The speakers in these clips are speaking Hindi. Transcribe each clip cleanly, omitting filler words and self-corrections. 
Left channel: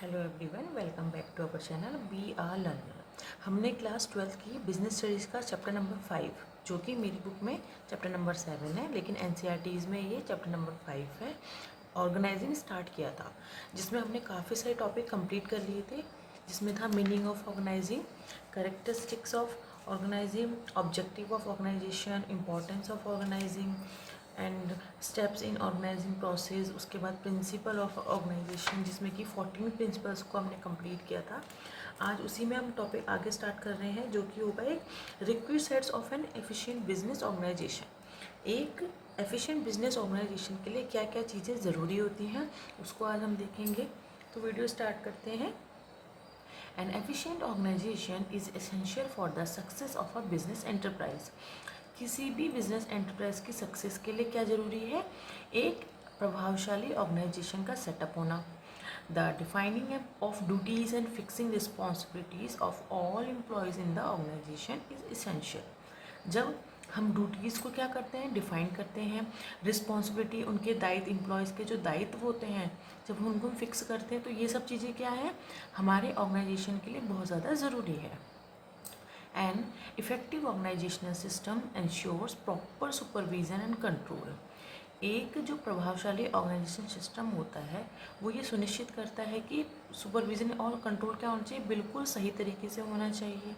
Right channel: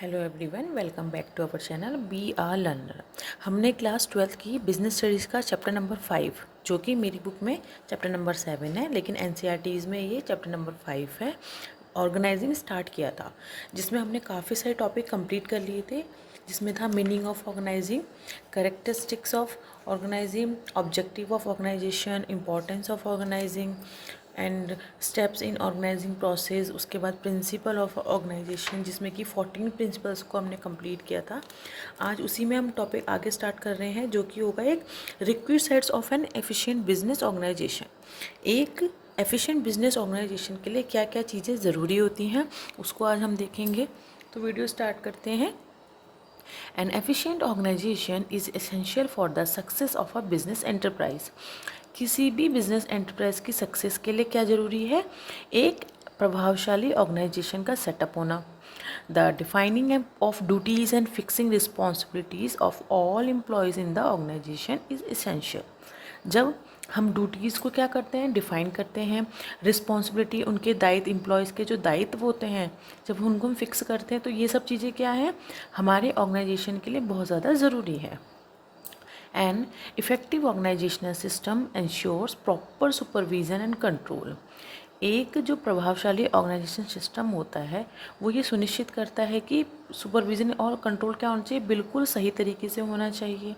Hello everyone, welcome back to our channel B R learner. हमने क्लास 12th की बिजनेस स्टडीज़ का चैप्टर नंबर 5, जो कि मेरी बुक में चैप्टर नंबर 7 है, लेकिन एनसीईआरटीज़ में ये चैप्टर नंबर 5 है, ऑर्गेनाइजिंग स्टार्ट किया था, जिसमें हमने काफ़ी सारे टॉपिक कंप्लीट कर लिए थे, जिसमें था meaning of organizing, characteristics of organizing, objective of organization, importance of organizing and steps in organizing process. उसके बाद प्रिंसिपल ऑफ ऑर्गेनाइजेशन, जिसमें कि 14 प्रिंसिपल्स को हमने कंप्लीट किया था। आज उसी में हम टॉपिक आगे स्टार्ट कर रहे हैं, जो कि होगा एक requisites of an efficient business organization. एक एफिशिएंट बिजनेस ऑर्गेनाइजेशन के लिए क्या क्या चीज़ें ज़रूरी होती हैं, उसको आज हम देखेंगे। तो वीडियो स्टार्ट करते हैं। An efficient organization is essential for the success of a business enterprise. किसी भी बिजनेस एंटरप्राइज की सक्सेस के लिए क्या ज़रूरी है? एक प्रभावशाली ऑर्गेनाइजेशन का सेटअप होना। The defining of duties and fixing responsibilities of all employees in the organization is essential. जब हम ड्यूटीज़ को क्या करते हैं, डिफ़ाइन करते हैं, रिस्पॉन्सिबिलिटी, उनके दायित्व, एम्प्लॉयज़ के जो दायित्व होते हैं, जब उनको हम फिक्स करते हैं, तो ये सब चीज़ें क्या हैं, हमारे ऑर्गेनाइजेशन के लिए बहुत ज़्यादा ज़रूरी है। An effective organizational system ensures proper supervision and control. एक जो प्रभावशाली ऑर्गेनाइजेशन सिस्टम होता है, वो ये सुनिश्चित करता है कि सुपरविजन और कंट्रोल क्या होना चाहिए, बिल्कुल सही तरीके से होना चाहिए।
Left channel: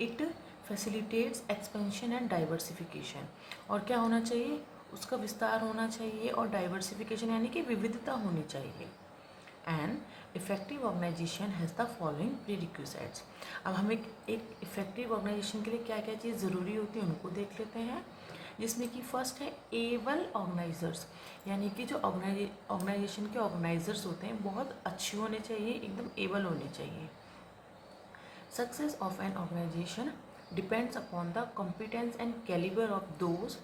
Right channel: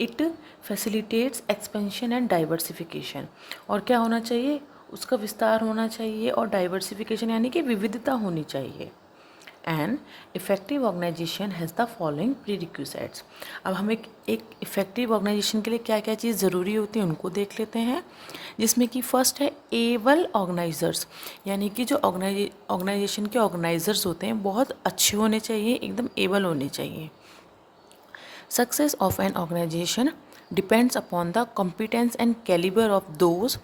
It facilitates expansion and diversification, और क्या होना चाहिए, उसका विस्तार होना चाहिए, और डाइवर्सिफिकेशन यानी कि विविधता होनी चाहिए। An effective organisation has the following prerequisites. अब हम एक इफ़ेक्टिव ऑर्गेनाइजेशन के लिए क्या क्या चीज़ ज़रूरी होती है उनको देख लेते हैं, जिसमें कि फर्स्ट है एबल ऑर्गेनाइजर्स, यानी कि जो ऑर्गेनाइजेशन के ऑर्गेनाइजर्स होते हैं बहुत अच्छे होने चाहिए, एकदम एबल होने चाहिए। Success of an organization depends upon the competence and caliber of those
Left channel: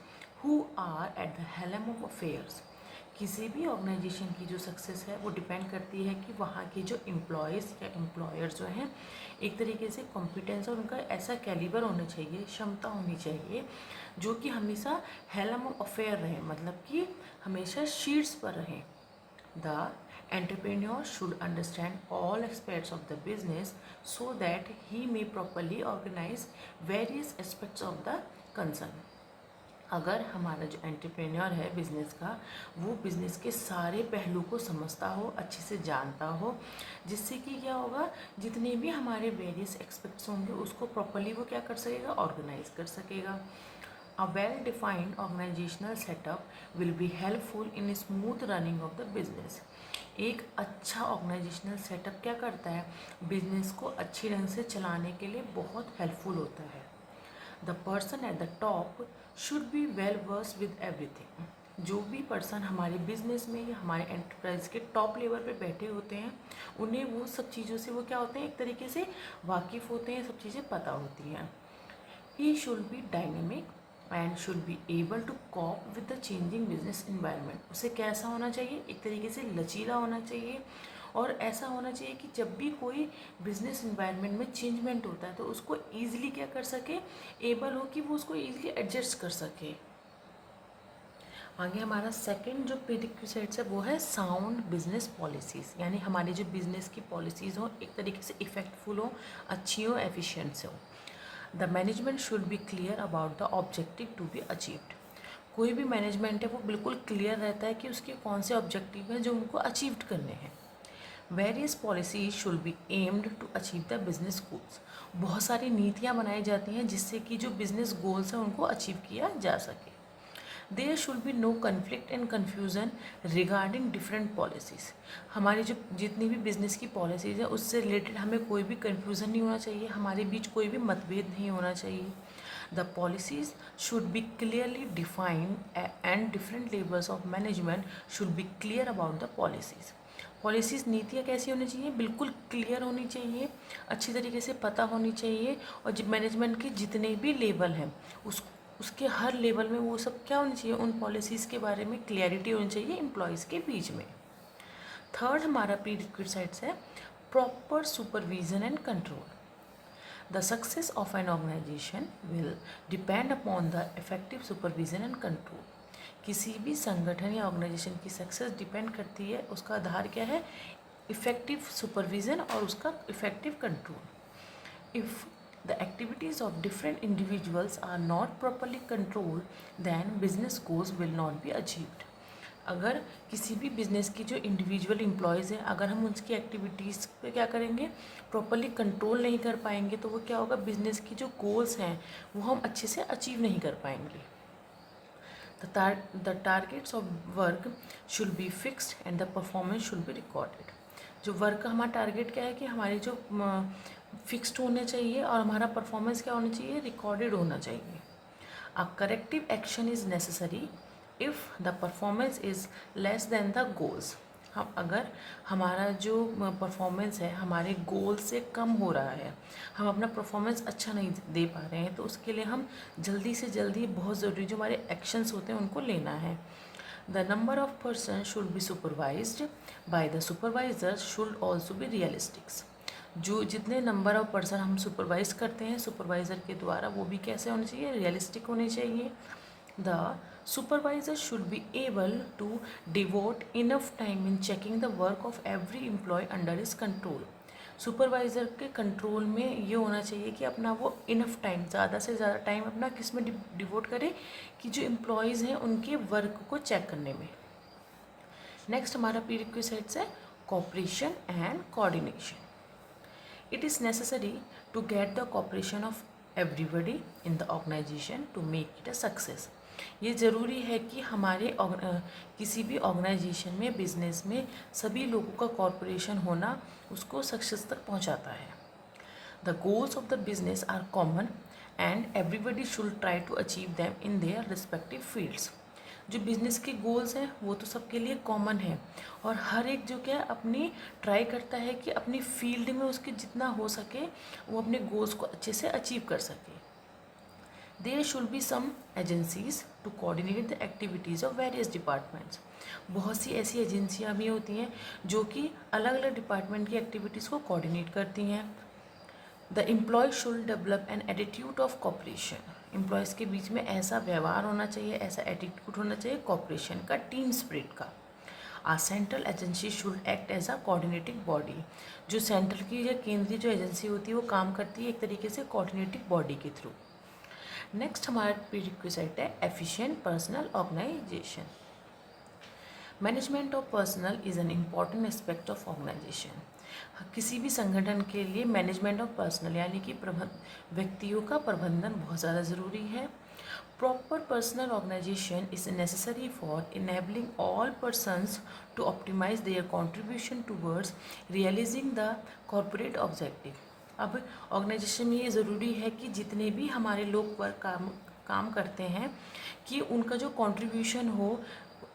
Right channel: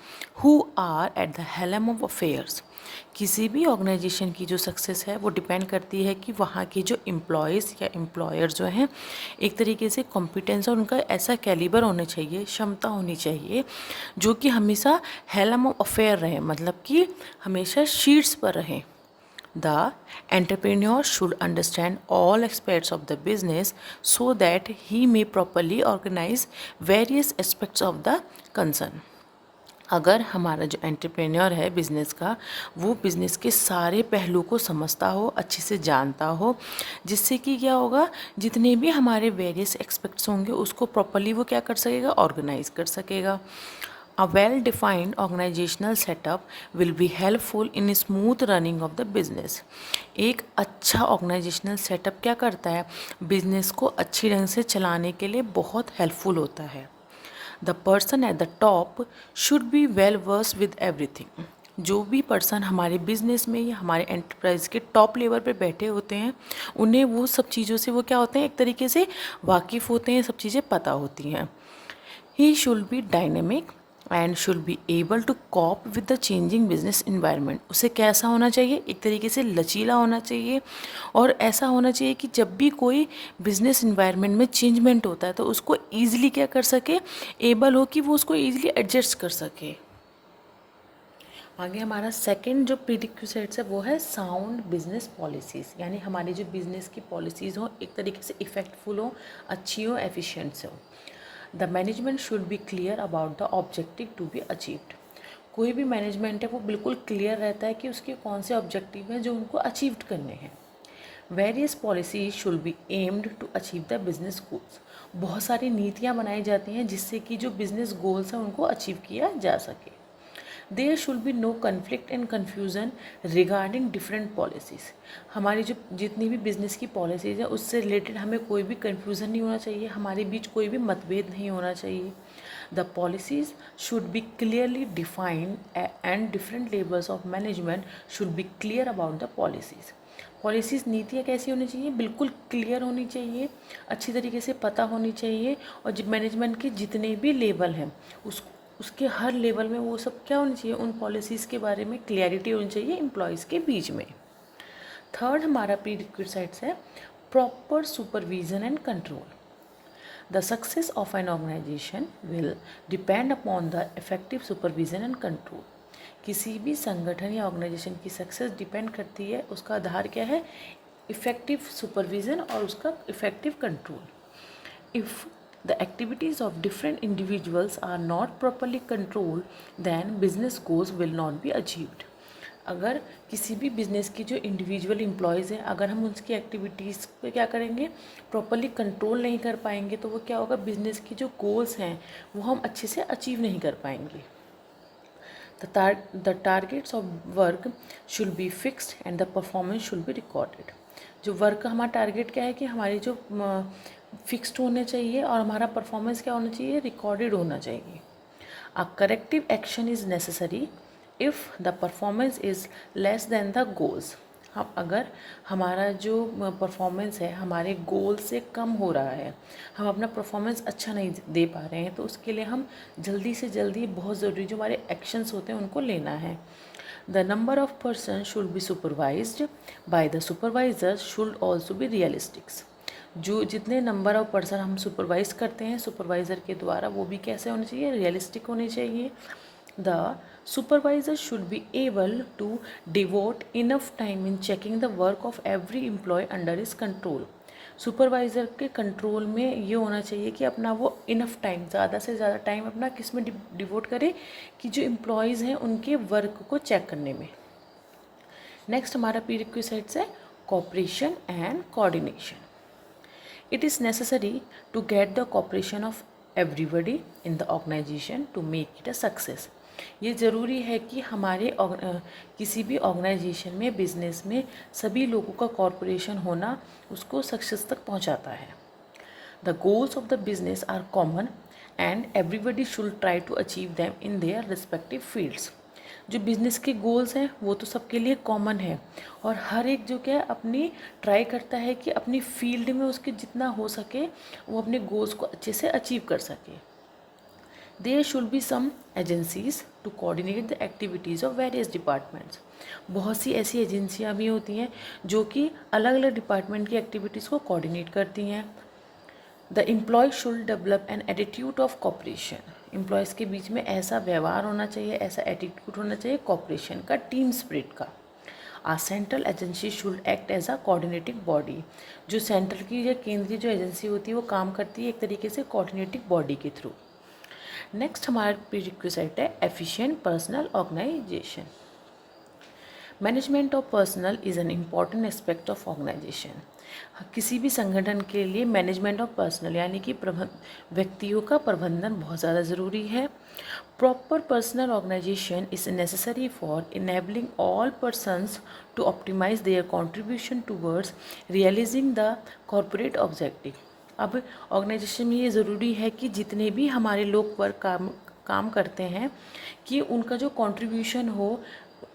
who are at the helm of affairs. किसी भी ऑर्गेनाइजेशन की जो सक्सेस है वो डिपेंड करती है कि वहाँ के जो एम्प्लॉयज़ या एम्प्लॉयर जो हैं, एक तरीके से कॉम्पिटेंस और उनका ऐसा कैलिबर होना चाहिए, क्षमता होनी चाहिए, जो कि हमेशा हेलम ऑफ अफेयर रहे, मतलब कि हमेशा शीट्स पर रहें। The entrepreneur should understand all aspects of the business so that he may properly organize various aspects of the concern. अगर हमारा जो एंटरप्रेन्योर है बिज़नेस का, वो बिज़नेस के सारे पहलू को समझता हो, अच्छे से जानता हो, जिससे कि क्या होगा, जितने भी हमारे वेरियस एस्पेक्ट्स होंगे उसको प्रॉपरली वो क्या कर सकेगा, ऑर्गेनाइज कर सकेगा। A well-defined organizational setup will be helpful in smooth running of the business. एक अच्छा ऑर्गेनाइजेशनल सेटअप क्या करता है, बिजनेस को अच्छी ढंग से चलाने के लिए बहुत हेल्पफुल होता है। The person at the top should be well versed with everything. जो भी पर्सन हमारे बिजनेस में या हमारे एंटरप्राइज के टॉप लेवल पे बैठे होते हैं, उन्हें वो सब चीज़ों से वो क्या होते हैं, एक तरीके से वाकिफ़ होते हैं, सब चीज़ें पता होती हैं। He should be dynamic and should be able to cope with the changing business environment. उसे कैसा होना चाहिए, एक तरीके से लचीला होना चाहिए, और ऐसा होना चाहिए कि जब भी कोई बिजनेस इन्वायरमेंट में चेंजमेंट होता है तो उसको ईजिली क्या कर सके, एबल हो कि वो उसको ईजिली एडजस्ट कर सके। आगे हमारा सेकंड जो प्रीरिक्विजिट्स है वो है साउंड बिजनेस पॉलिसीज़, यानी हमारी जो बिजनेस की पॉलिसीज़ हो एक तरीके से इफ़ेक्टफुल हो, अच्छी हो, एफिशिएंट हो। The management should be clear about the objective to be achieved. कोई भी मैनेजमेंट है वो बिल्कुल क्लियर रहता है कि उसके कौन से ऑब्जेक्टिव हैं जो उनको अचीव करने हैं। Various policies should be aimed to achieve the business goals. बहुत सारी नीतियाँ बनाई जाती हैं जिससे कि जो बिजनेस गोल्स हैं उनको अचीव किया जा सके। There should be no conflict and confusion regarding different policies. हमारी जो जितनी भी बिज़नेस की पॉलिसीज़ है उससे रिलेटेड हमें कोई भी कन्फ्यूज़न नहीं होना चाहिए, हमारे बीच कोई भी मतभेद नहीं होना चाहिए। The policies should be clearly defined and different levels of management should be clear about the policies. Policies, नीतियाँ कैसी होनी चाहिए, बिल्कुल क्लियर होनी चाहिए, अच्छी तरीके से पता होनी चाहिए, और जब मैनेजमेंट के जितने भी लेवल हैं उसके हर लेवल में वो सब क्या होनी चाहिए, उन पॉलिसीज़ के बारे में क्लियरिटी होनी चाहिए एम्प्लॉयज़ के बीच में। थर्ड हमारा प्रीरिक्विजिट्स है proper supervision and control. The success of an organization will depend upon the effective supervision and control. किसी भी संगठन या ऑर्गेनाइजेशन की सक्सेस डिपेंड करती है, उसका आधार क्या है, इफ़ेक्टिव सुपरविज़न और उसका effective control. If the activities of different individuals are not properly controlled then business goals will not be achieved. अगर किसी भी बिज़नेस की जो इंडिविजुअल एम्प्लॉयज़ हैं, अगर हम उनकी एक्टिविटीज़ को क्या करेंगे, प्रॉपरली कंट्रोल नहीं कर पाएंगे, तो वो क्या होगा, बिज़नेस की जो गोल्स हैं वो हम अच्छे से अचीव नहीं कर पाएंगे। The targets of work should be fixed and the performance should be recorded। जो वर्क का हमारा टारगेट क्या है कि हमारे जो फिक्स्ड होने चाहिए और हमारा परफॉर्मेंस क्या होना चाहिए, रिकॉर्डेड होना चाहिए। A corrective action is necessary if the performance is less than the goals. हम अगर हमारा जो परफॉर्मेंस है हमारे गोल से कम हो रहा है, हम अपना परफॉर्मेंस अच्छा नहीं दे पा रहे हैं, तो उसके लिए हम जल्दी से जल्दी, बहुत ज़रूरी जो हमारे एक्शंस होते हैं उनको लेना है। The number of person should be supervised by the supervisor should also be realistics. जो जितने नंबर ऑफ पर्सन हम सुपरवाइज करते हैं सुपरवाइज़र के द्वारा, वो भी कैसे होने चाहिए, रियलिस्टिक होने चाहिए। The supervisor should be able to devote enough time in checking the work of every employee under his control। Supervisor के कंट्रोल में ये होना चाहिए कि अपना वो इनफ टाइम, ज़्यादा से ज़्यादा टाइम अपना किस में डिवोट करे, कि जो एम्प्लॉयज़ हैं उनके वर्क को चेक करने में। नेक्स्ट हमारा प्रीरिक्विजिट्स है cooperation and coordination. It is necessary to get the cooperation of everybody in the organization to make it a success। ये ज़रूरी है कि हमारे किसी भी ऑर्गेनाइजेशन में, बिजनेस में सभी लोगों का कॉर्पोरेशन होना उसको सक्सेस तक पहुंचाता है। The goals of the business are common and everybody should try to achieve them in their respective fields. जो बिज़नेस के गोल्स हैं वो तो सबके लिए कॉमन है, और हर एक जो क्या अपनी ट्राई करता है कि अपनी फील्ड में उसके जितना हो सके वो अपने गोल्स को अच्छे से अचीव कर सके। There should be some agencies to coordinate the activities of various departments. बहुत सी ऐसी एजेंसियाँ भी होती हैं जो कि अलग अलग डिपार्टमेंट की एक्टिविटीज़ को कोऑर्डिनेट करती हैं। The employee should develop an attitude of cooperation. Employees के बीच में ऐसा व्यवहार होना चाहिए, ऐसा एटीट्यूड होना चाहिए कॉपरेशन का, टीम स्पिरिट का। A central agency should act as a coordinating body. जो सेंट्रल की या केंद्रीय जो एजेंसी होती है वो काम करती है एक तरीके से कोऑर्डिनेटिंग बॉडी के थ्रू। नेक्स्ट हमारा प्रीरिक्विजिट है efficient personnel organization. Management of personnel is an important aspect of organization. किसी भी संगठन के लिए मैनेजमेंट ऑफ पर्सनल यानी कि व्यक्तियों का प्रबंधन बहुत ज़्यादा ज़रूरी है। Proper personnel organization is necessary for enabling all persons to optimize their contribution towards realizing the corporate objective. अब ऑर्गेनाइजेशन में ये ज़रूरी है कि जितने भी हमारे लोग पर काम करते हैं कि उनका जो कंट्रीब्यूशन हो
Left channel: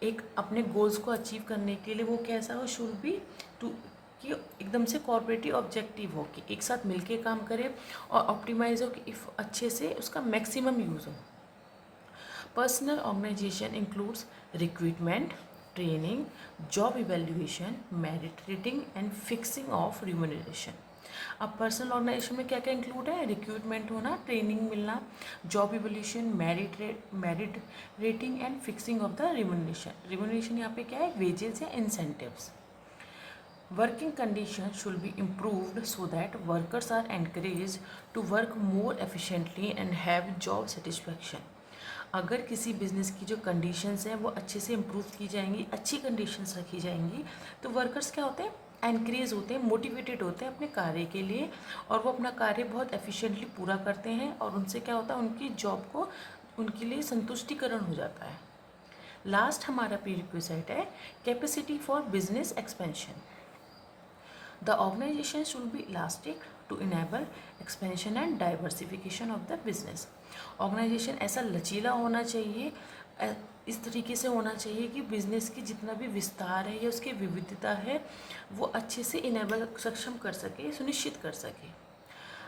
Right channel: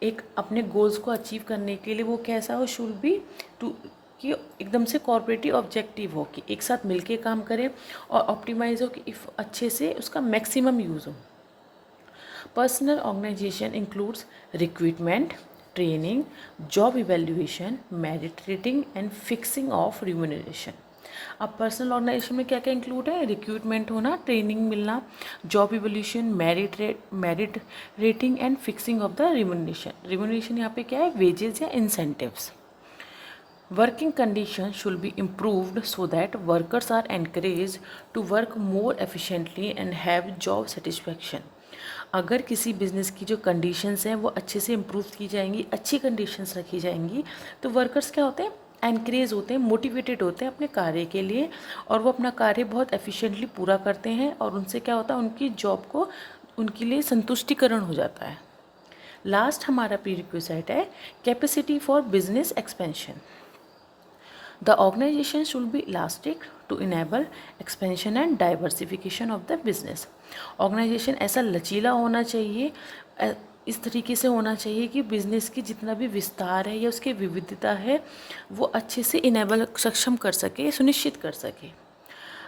एक अपने गोल्स को अचीव करने के लिए, वो कैसा हो, शुड बी टू कि एकदम से कॉर्पोरेटिव ऑब्जेक्टिव हो, कि एक साथ मिलके काम करें और ऑप्टिमाइज हो कि अच्छे से उसका मैक्सिमम यूज़ हो। Personnel organization includes recruitment, training, job evaluation, merit rating and fixing of remuneration. अब पर्सनल ऑर्गेनाइजेशन में क्या क्या इंक्लूड है, रिक्रूटमेंट होना, ट्रेनिंग मिलना, job evolution, merit rating and fixing of the remuneration. Remuneration यहाँ पे क्या है, वेजेस या incentives. Working condition should be improved so that workers are encourage to work more efficiently and have job satisfaction. अगर किसी बिज़नेस की जो कंडीशंस हैं वो अच्छे से इम्प्रूव की जाएंगी, अच्छी कंडीशंस रखी जाएंगी, तो वर्कर्स क्या होते हैं, एनकरेज होते हैं, मोटिवेटेड होते हैं अपने कार्य के लिए, और वो अपना कार्य बहुत एफिशिएंटली पूरा करते हैं, और उनसे क्या होता है, उनकी जॉब को उनके लिए संतुष्टिकरण हो जाता है। लास्ट हमारा प्रीरिक्विजिट है capacity for business expansion. The organization should be elastic to enable expansion and diversification of the business. Organization ऐसा लचीला होना चाहिए, इस तरीके से होना चाहिए कि बिज़नेस की जितना भी विस्तार है या उसकी विविधता है वो अच्छे से इनेबल, सक्षम कर सके, सुनिश्चित कर सके।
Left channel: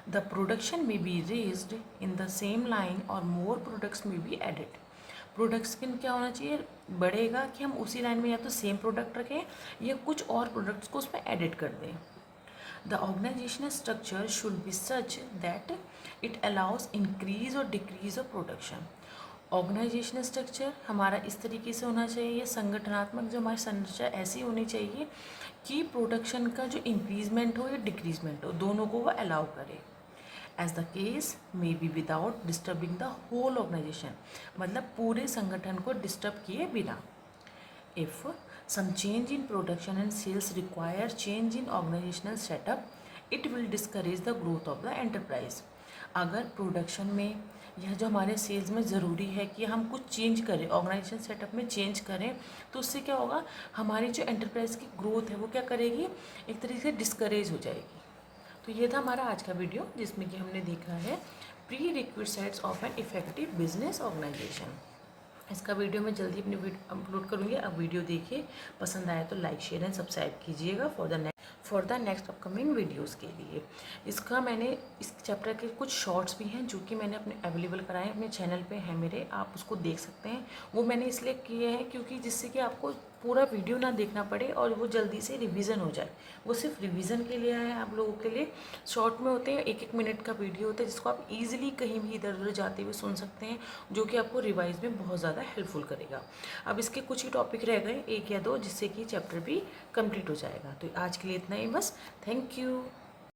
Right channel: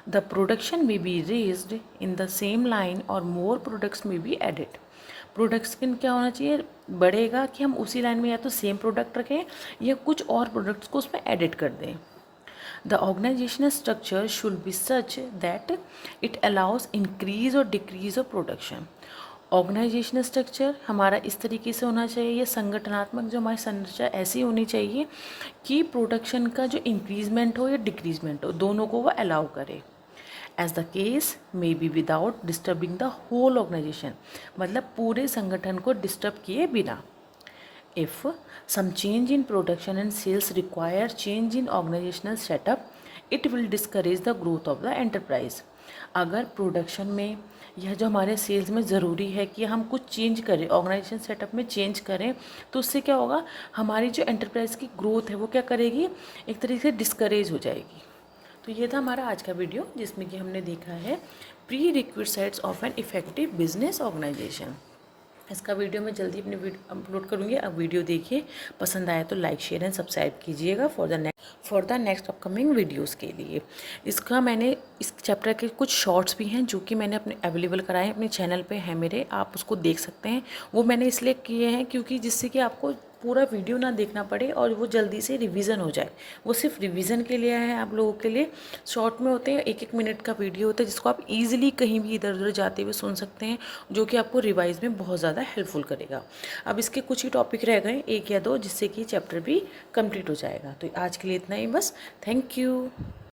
द प्रोडक्शन में be raised in the same line और मोर प्रोडक्ट्स में बी एडिड। प्रोडक्शन क्या होना चाहिए, बढ़ेगा कि हम उसी लाइन में या तो सेम प्रोडक्ट रखें या कुछ और प्रोडक्ट्स को उसमें एडिट कर दें। The organizational structure should be such that it allows increase or decrease of production। Organizational structure हमारा इस तरीके से होना चाहिए, या संगठनात्मक जो हमारी संरचना ऐसी होनी चाहिए कि प्रोडक्शन का जो इंक्रीजमेंट हो या डिक्रीजमेंट हो, दोनों को वो अलाउ करे। As the case may be without disturbing the whole organization, मतलब पूरे संगठन को डिस्टर्ब किए बिना। If some change in production and sales require change in organizational setup, it will discourage the growth of the enterprise. अगर प्रोडक्शन में यह जो हमारे सेल्स में ज़रूरी है कि हम कुछ चेंज करें, ऑर्गेनाइजेशन सेटअप में चेंज करें, तो उससे क्या होगा, हमारी जो एंटरप्राइज की ग्रोथ है वो क्या करेगी, एक तरीके से डिस्करेज हो जाएगी। तो ये था हमारा आज का वीडियो, जिसमें कि हमने देखा है prerequisites of an effective business organization. इसका वीडियो मैं जल्दी अपने अपलोड करूँगी। अब वीडियो देखिए, पसंद आया तो लाइक शेयर एंड सब्सक्राइब कीजिएगा for the next upcoming videos के लिए। इसका मैंने इस चैप्टर के कुछ शॉर्ट्स भी हैं जो कि मैंने अपने अवेलेबल कराए हैं, अपने चैनल पे है मेरे, आप उसको देख सकते हैं। वो मैंने इसलिए किए हैं क्योंकि जिससे कि आपको पूरा वीडियो ना देखना पड़े और वो जल्दी से रिवीजन हो जाए। वो सिर्फ रिवीजन के लिए है आप लोगों के लिए। शॉर्ट में होते हैं, 1-1 मिनट का वीडियो होता है जिसको आप इजीली कहीं भी इधर उधर जाते हुए सुन सकते हैं, जो कि आपको रिवाइज में बहुत ज़्यादा हेल्पफुल करेगा। अब इसके कुछ ही टॉपिक रह गए, 1 या 2, जिससे कि चैप्टर भी कंप्लीट हो जाएगा। तो आज के लिए इतना ही बस। Thank you.